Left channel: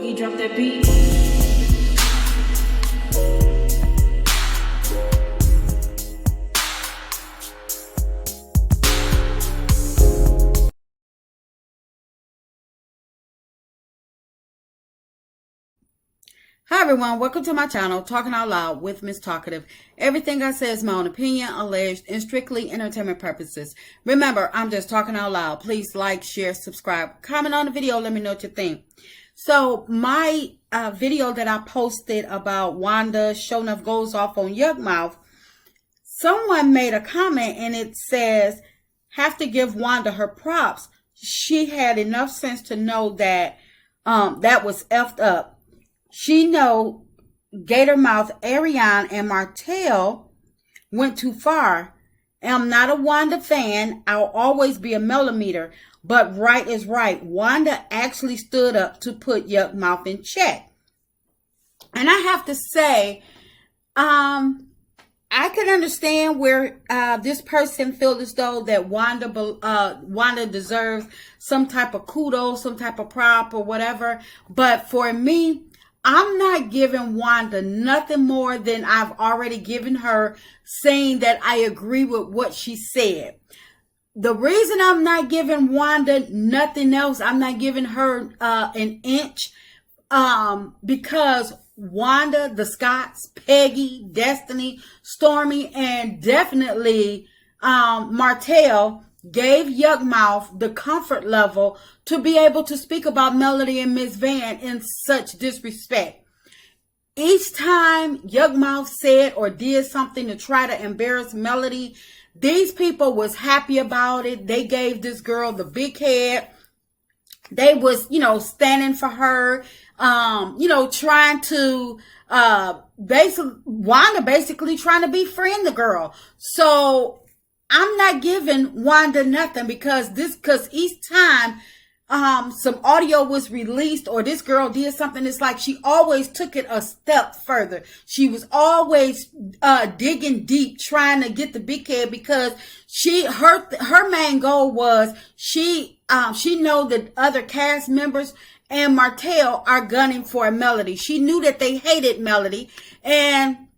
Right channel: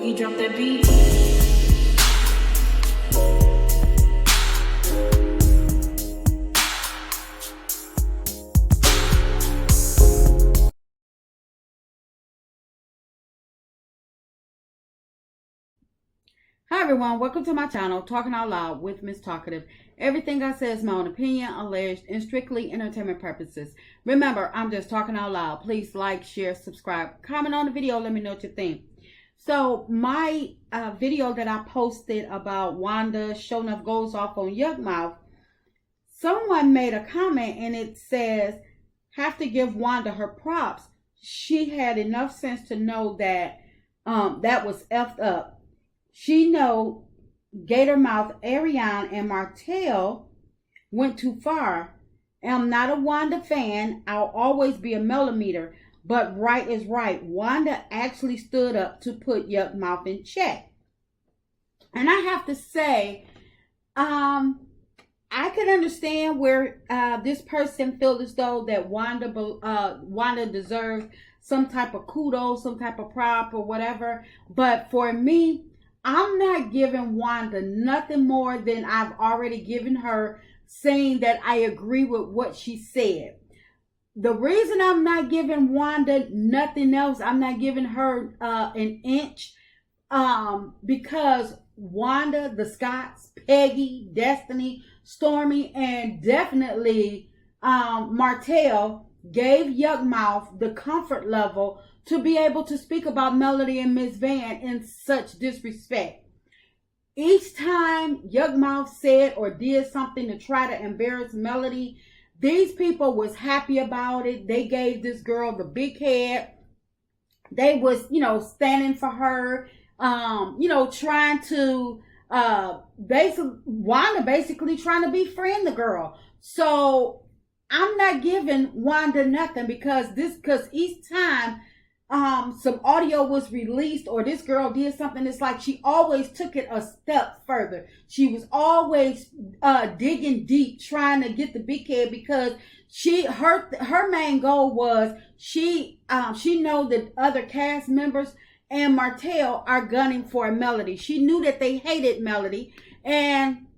Boogie, drop that beat. Hi everyone, welcome to my channel, Talking Out Loud with Miss Talkative. Everything I say is my own opinion, alleged, and strictly entertainment purposes. Remember, I'm just talking out loud. Please like, share, subscribe, comment on the video, let me know what you think. So my video that I posted about Wanda showing enough goes off on Yuck Mouth, someone made a comment and it says, have to give Wanda her props. She had enough sense to know that that was effed up. She know Gatormouth, Ariane, and Martell went too far. I'm not a Wanda fan. I'll always be a millimeter. But right is right. Wanda actually stood up to put Yuck Mouth in check. And I have to say, I could understand where this person feels as though that Wanda deserves some type of kudos, some type of prop or whatever. But for me, I'm not giving Wanda nothing more than I've already given her, saying that I agree with what she said. The reason I'm not giving Wanda nothing else, I'm not giving her an inch, because Wanda, the Scotts, Peggy, Destiny, Stormy, and definitely Martell gave Yuck Mouth the comfort level to be able to speak about Melody and Miss Van in such disrespect. Each time Yuck Mouth said or did something to try to embarrass Melody, these people was happy about it. They gave this girl the big head. They was, standing for her, trying to, Wanda basically trying to befriend the girl. So I'm not giving Wanda nothing because each time some audio was released or this girl did something, it's like she always took it a step further. She was always digging deep, trying to get the big head because her main goal was she know that other cast members and Martell are gunning for Melody. She knew that they hated Melody and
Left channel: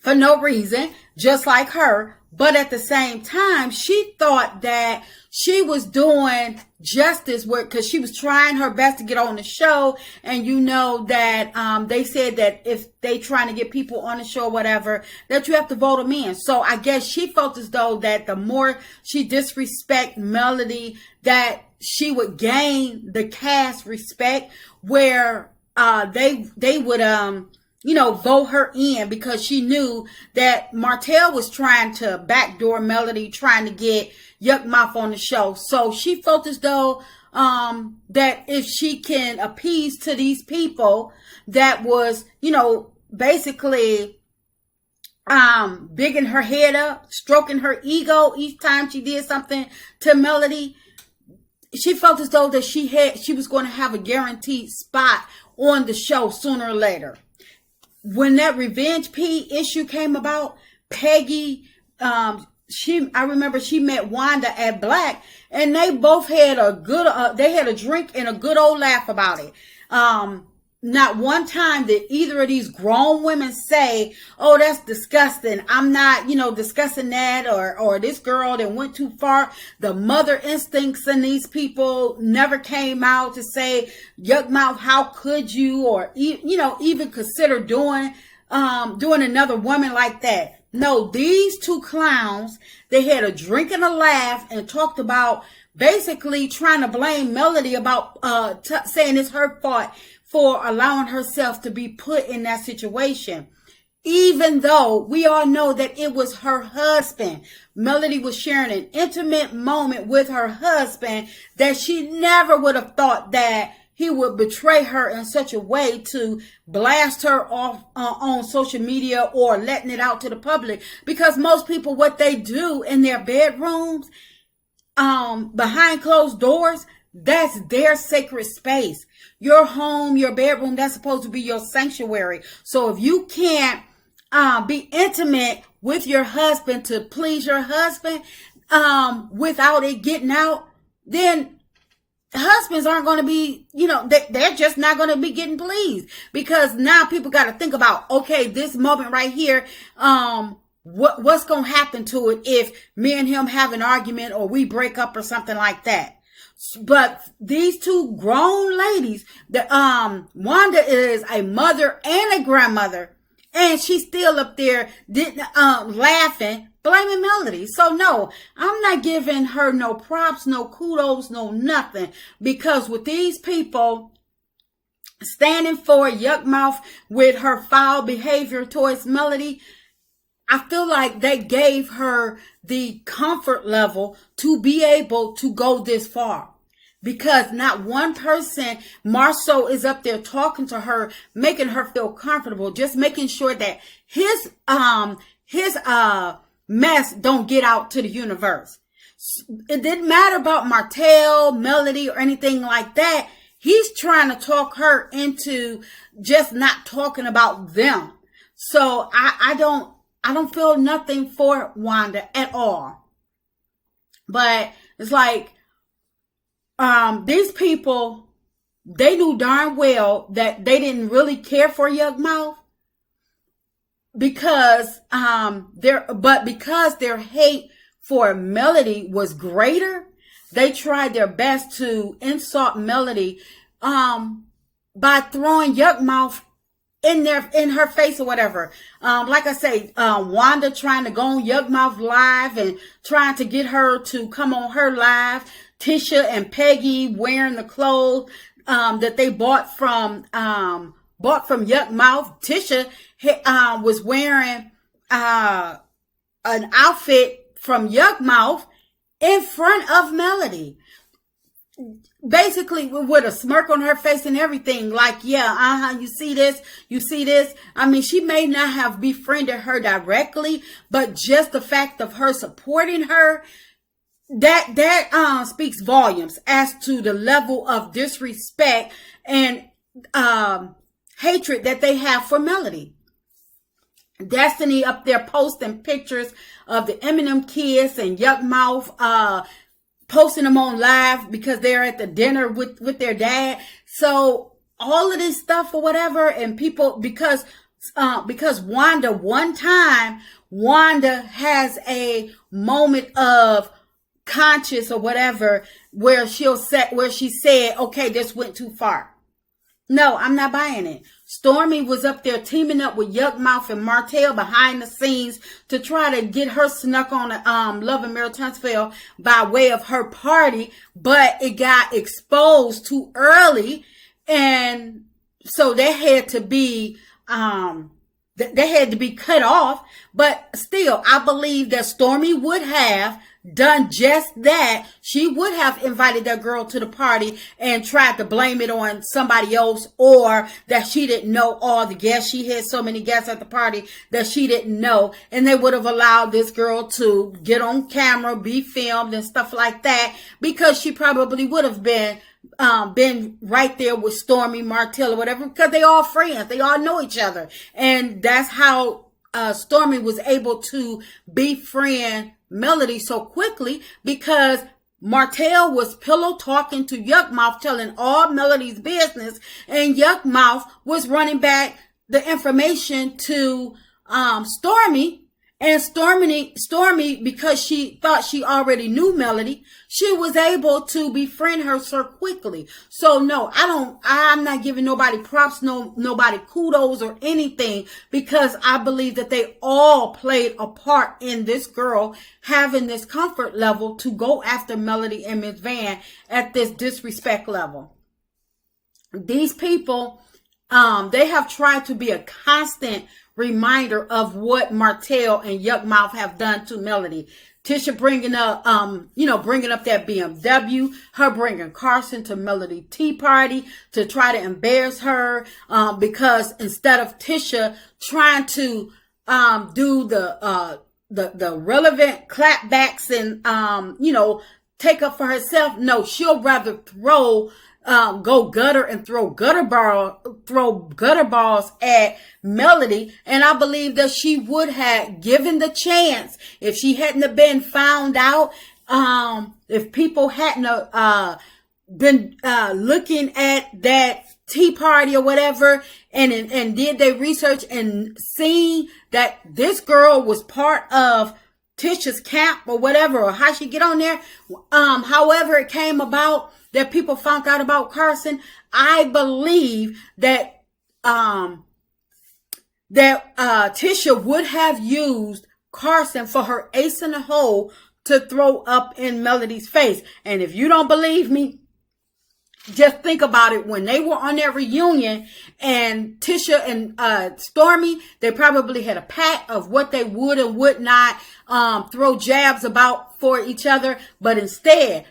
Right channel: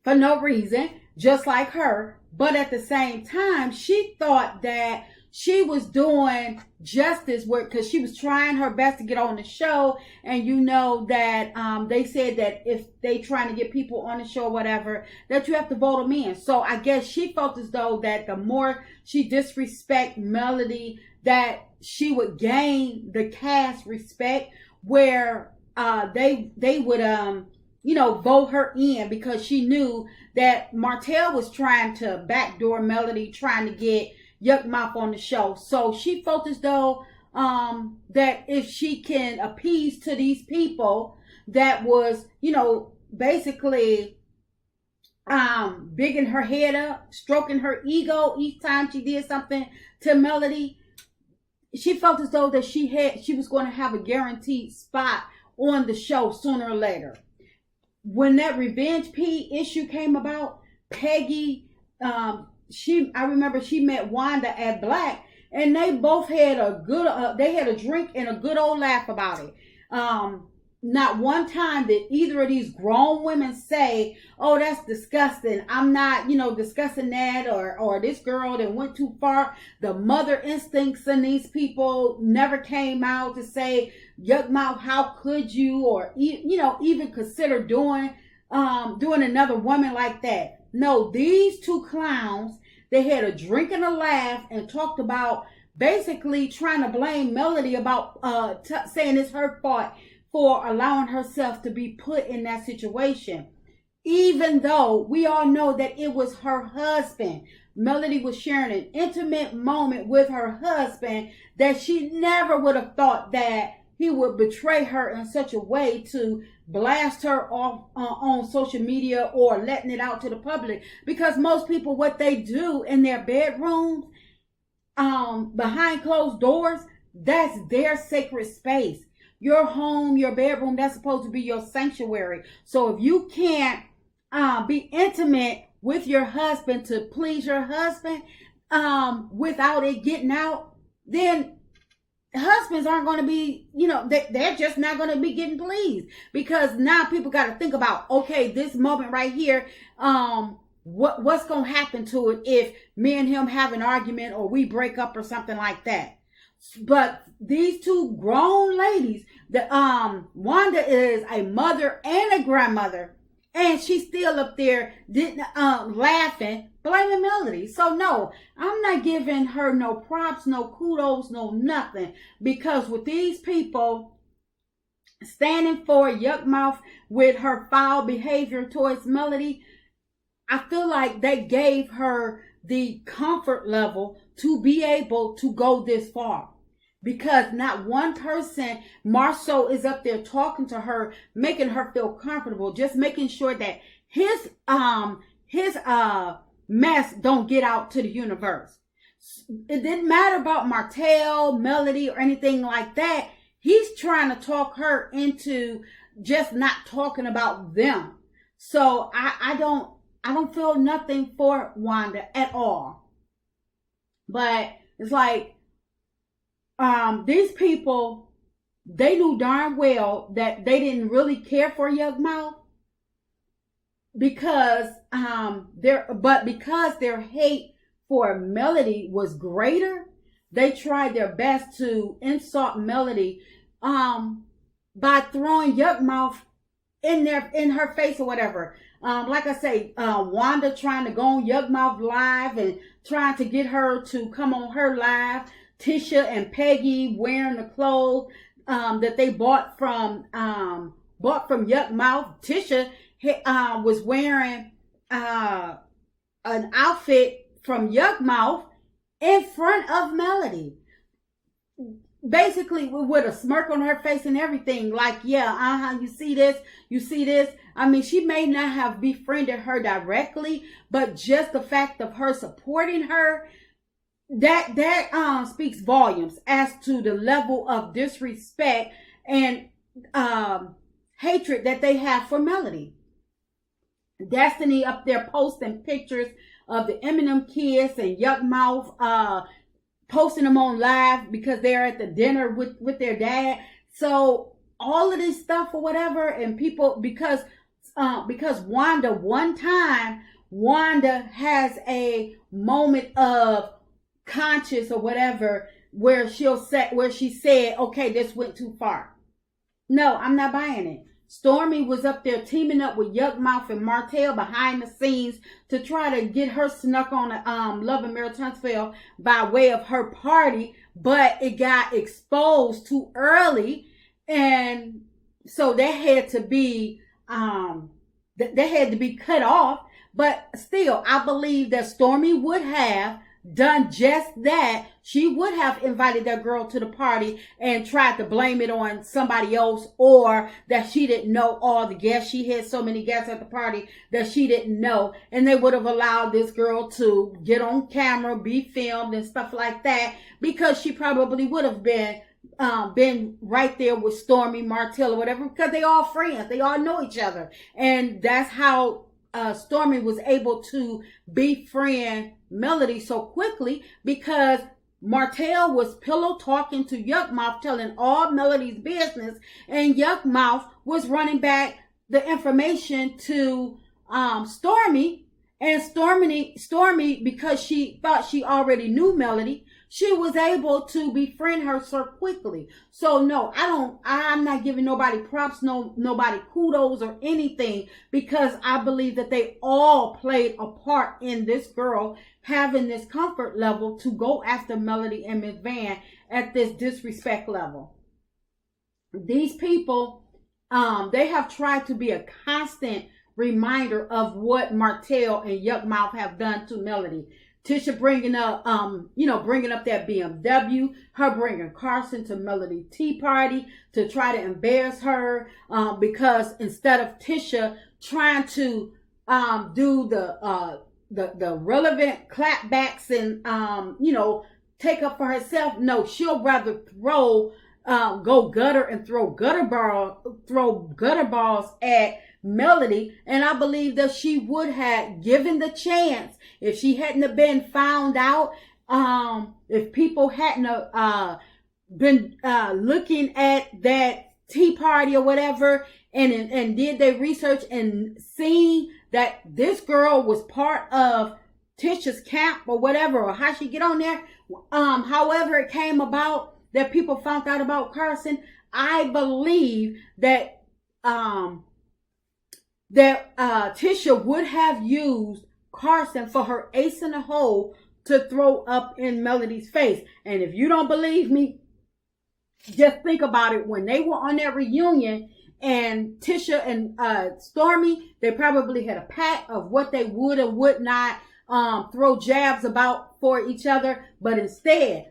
for no reason, just like her. But at the same time, she thought that she was doing justice work because she was trying her best to get on the show. And you know that they said that if they trying to get people on the show or whatever, that you have to vote them in. So I guess she felt as though that the more she disrespect Melody, that she would gain the cast respect where they would vote her in because she knew that Martell was trying to backdoor Melody, trying to get Yuck Mouth on the show. So she felt as though that if she can appease to these people that was, basically bigging her head up, stroking her ego each time she did something to Melody, she felt as though that she was going to have a guaranteed spot on the show sooner or later. When that Revenge P issue came about, Peggy, I remember she met Wanda at Black, and they both had a drink and a good old laugh about it. Not one time did either of these grown women say, oh, that's disgusting. I'm not, discussing that, or this girl that went too far. The mother instincts in these people never came out to say, Yuck Mouth, how could you, or, even consider doing another woman like that. No, these two clowns, they had a drink and a laugh and talked about basically trying to blame Melody about saying it's her fault for allowing herself to be put in that situation. Even though we all know that it was her husband. Melody was sharing an intimate moment with her husband that she never would have thought that he would betray her in such a way to blast her off on social media or letting it out to the public. Because most people, what they do in their bedrooms, behind closed doors, that's their sacred space. Your home, your bedroom, that's supposed to be your sanctuary. So if you can't be intimate with your husband to please your husband without it getting out, then husbands aren't going to be, they're just not going to be getting pleased, because now people got to think about, okay, this moment right here, what's going to happen to it if me and him have an argument or we break up or something like that. But these two grown ladies, Wanda is a mother and a grandmother, and she's still up there laughing, blaming Melody. So no, I'm not giving her no props, no kudos, no nothing, because with these people standing for Yuck Mouth with her foul behavior towards Melody, I feel like they gave her the comfort level to be able to go this far. Because not one person, Marceau, is up there talking to her, making her feel comfortable, just making sure that his mess don't get out to the universe. It didn't matter about Martell, Melody, or anything like that. He's trying to talk her into just not talking about them. So I don't feel nothing for Wanda at all. But it's like, these people, they knew darn well that they didn't really care for Yuck Mouth, because their hate for Melody was greater. They tried their best to insult Melody by throwing Yuck Mouth in her face or whatever. Like I say, Wanda trying to go on Yuck Mouth live and trying to get her to come on her live. Tisha and Peggy wearing the clothes that they bought from Yuck Mouth. Tisha was wearing an outfit from Yuck Mouth in front of Melody, basically with a smirk on her face and everything, like, yeah, you see this. I mean, she may not have befriended her directly, but just the fact of her supporting her, that speaks volumes as to the level of disrespect and hatred that they have for Melody. Destiny up there posting pictures of the Eminem kids and Yuck Mouth, posting them on live because they're at the dinner with their dad. So all of this stuff or whatever, and people, because Wanda, one time, Wanda has a moment of conscious or whatever where she said, okay, this went too far. No, I'm not buying it. Stormy was up there teaming up with Yuck Mouth and Martell behind the scenes to try to get her snuck on Love and Marital Transfer by way of her party, but it got exposed too early, and so that had to be cut off. But still, I believe that Stormy would have done just that. She would have invited that girl to the party and tried to blame it on somebody else, or that she didn't know all the guests. She had so many guests at the party that she didn't know, and they would have allowed this girl to get on camera, be filmed and stuff like that, because she probably would have been right there with Stormy, Martell, or whatever, because they all friends, they all know each other. And that's how Stormy was able to befriend Melody so quickly, because Martell was pillow talking to Yuck Mouth, telling all Melody's business, and Yuck Mouth was running back the information to Stormy. And Stormy, because she thought she already knew Melody, she was able to befriend her so quickly. So no, I'm not giving nobody props, nobody kudos or anything, because I believe that they all played a part in this girl having this comfort level to go after Melody and Miss Van at this disrespect level. These people, they have tried to be a constant reminder of what Martell and Yuck Mouth have done to Melody. Tisha bringing up that BMW, her bringing Carson to Melody tea party to try to embarrass her, because instead of Tisha trying to do the relevant clapbacks and take up for herself, no, she'll rather go gutter and throw gutter balls at Melody. And I believe that she would have given the chance if she hadn't have been found out, if people hadn't been looking at that tea party or whatever, and did their research and seen that this girl was part of Tisha's camp or whatever, or how she get on there, however it came about that people found out about Carson, I believe that Tisha would have used Carson for her ace in the hole to throw up in Melody's face. And if you don't believe me, just think about it. When they were on their reunion and Tisha and Stormy, they probably had a pact of what they would and would not throw jabs about for each other. But instead,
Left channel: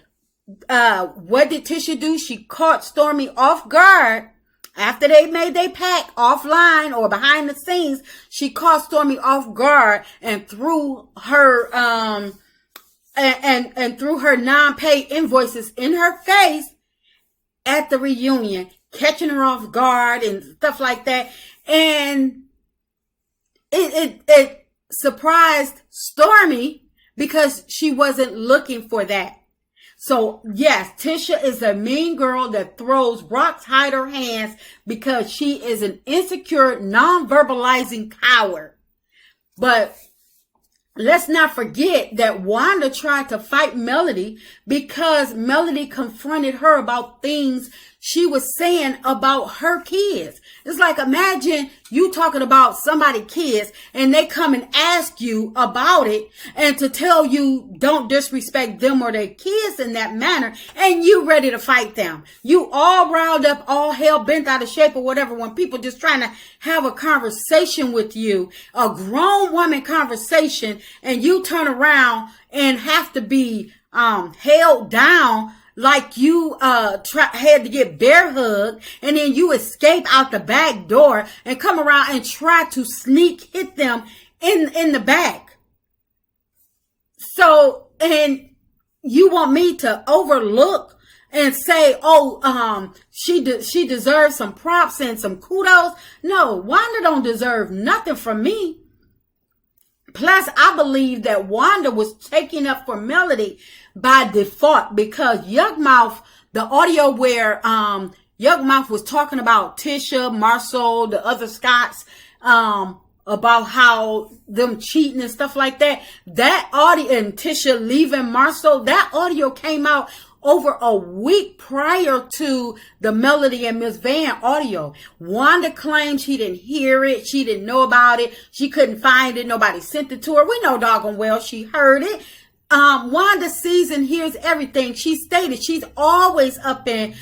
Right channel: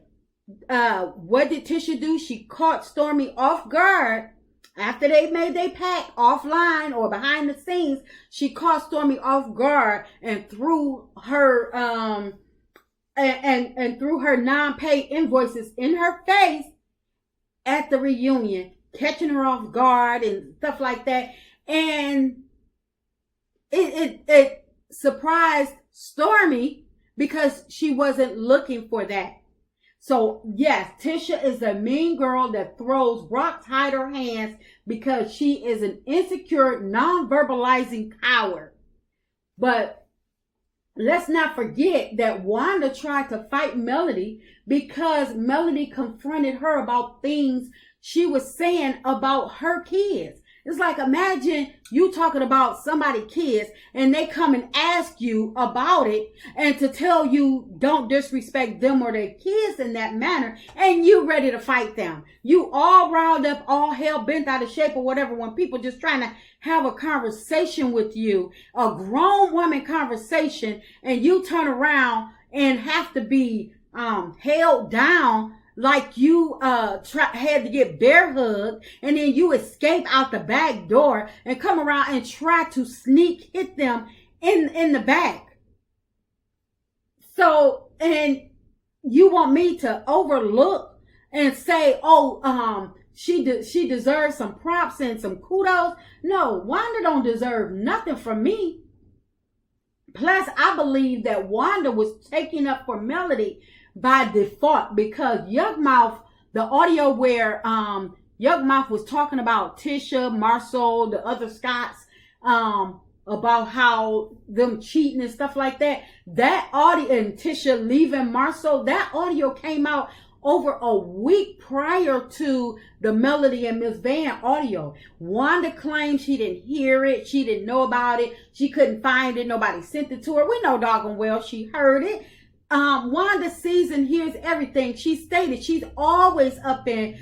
what did Tisha do? She caught Stormy off guard. After they made their pact offline or behind the scenes, she caught Stormy off guard and threw her and threw her non-paid invoices in her face at the reunion, catching her off guard and stuff like that. And it surprised Stormy because she wasn't looking for that. So yes, Tisha is a mean girl that throws rocks, hide her hands, because she is an insecure, non-verbalizing coward. But let's not forget that Wanda tried to fight Melody because Melody confronted her about things she was saying about her kids. It's like, imagine you talking about somebody's kids and they come and ask you about it and to tell you don't disrespect them or their kids in that manner, and you ready to fight them. You all riled up, all hell bent out of shape or whatever, when people just trying to have a conversation with you, a grown woman conversation, and you turn around and have to be held down like you had to get bear hugged, and then you escape out the back door and come around and try to sneak hit them in the back. So, and you want me to overlook and say, oh, she deserves some props and some kudos? No, Wanda don't deserve nothing from me. Plus, I believe that Wanda was taking up for Melody by default, because Yuck Mouth, the audio where Yuck Mouth was talking about Tisha, Marcel, the other Scots, about how them cheating and stuff like that. That audio, and Tisha leaving Marcel, that audio came out over a week prior to the Melody and Miss Van audio. Wanda claimed she didn't hear it. She didn't know about it. She couldn't find it. Nobody sent it to her. We know doggone well she heard it. Wanda sees and hears everything. She stated she's always up in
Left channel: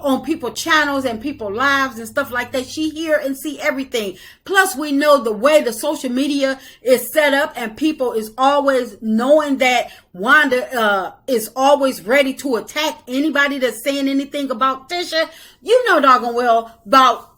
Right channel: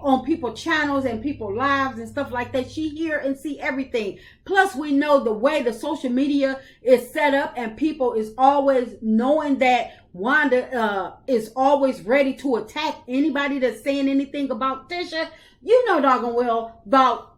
on people channels and people lives and stuff like that. She hear and see everything. Plus, we know the way the social media is set up, and people is always knowing that Wanda is always ready to attack anybody that's saying anything about Tisha. You know doggone well about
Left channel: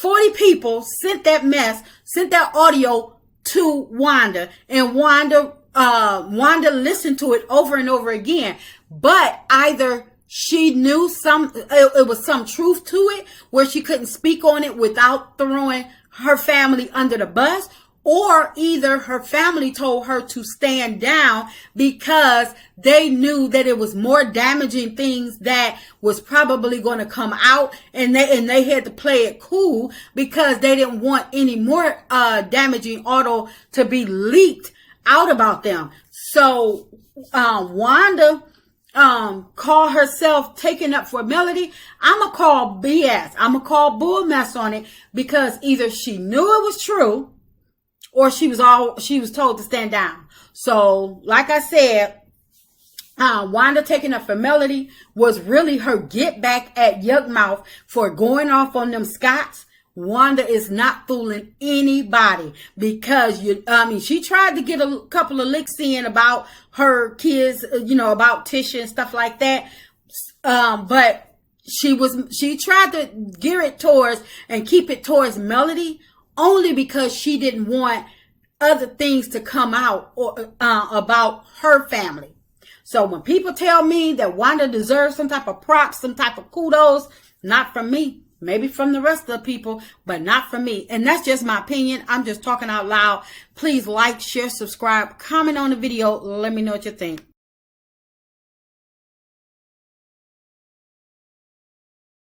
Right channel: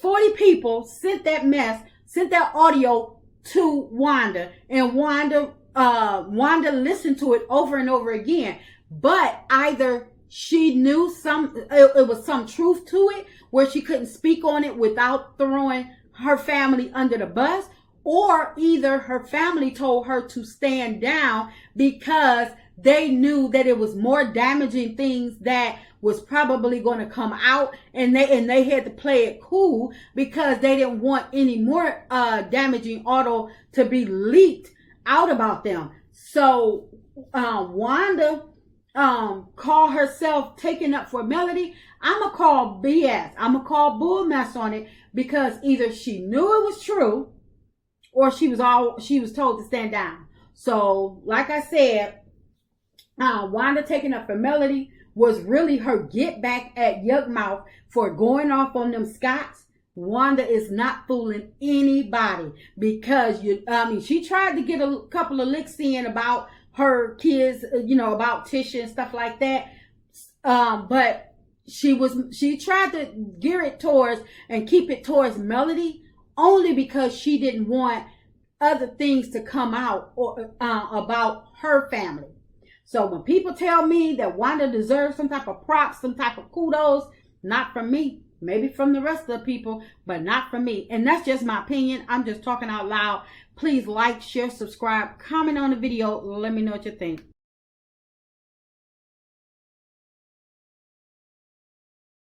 40 people sent that audio to Wanda, and Wanda listened to it over and over again. But either she knew it was some truth to it where she couldn't speak on it without throwing her family under the bus, or either her family told her to stand down because they knew that it was more damaging things that was probably going to come out, and they had to play it cool because they didn't want any more damaging audio to be leaked out about them. So Wanda call herself taking up for Melody. I'm gonna call BS. I'm gonna call bull mess on it, because either she knew it was true or she was told to stand down. So like I said, Wanda taking up for Melody was really her get back at Yuck Mouth for going off on them Scots. Wanda is not fooling anybody, because she tried to get a couple of licks in about her kids, about Tisha and stuff like that. But she tried to gear it towards and keep it towards Melody, only because she didn't want other things to come out or about her family. So when people tell me that Wanda deserves some type of props, some type of kudos, not from me. Maybe from the rest of the people, but not from me. And that's just my opinion. I'm just talking out loud. Please like, share, subscribe, comment on the video. Let me know what you think.